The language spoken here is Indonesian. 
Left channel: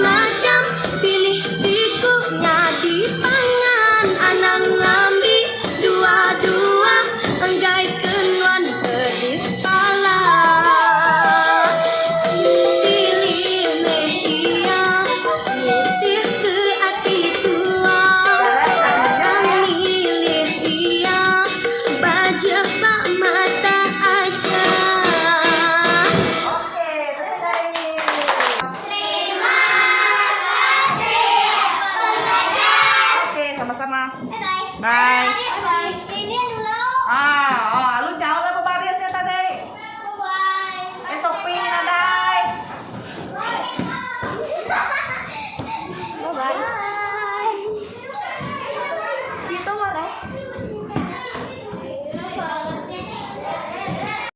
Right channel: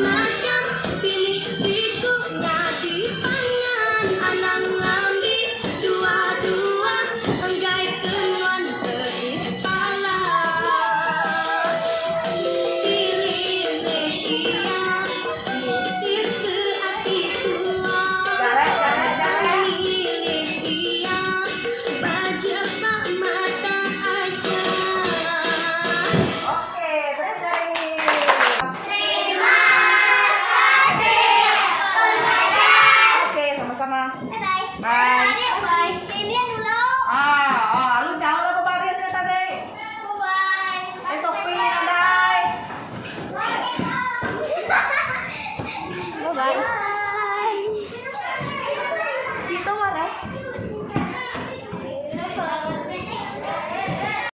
macam pilih sikunya dipangan anang ngambi dua-dua enggai kenuan gedis pala pilih meh iya nyetir ke hati tua milih iya bajak mata aja. Oke, selesai. Terima kasih pengajar. Oke, sama-sama. Bye-bye. Bye. Bye. Bye. Ini dulu. Ah,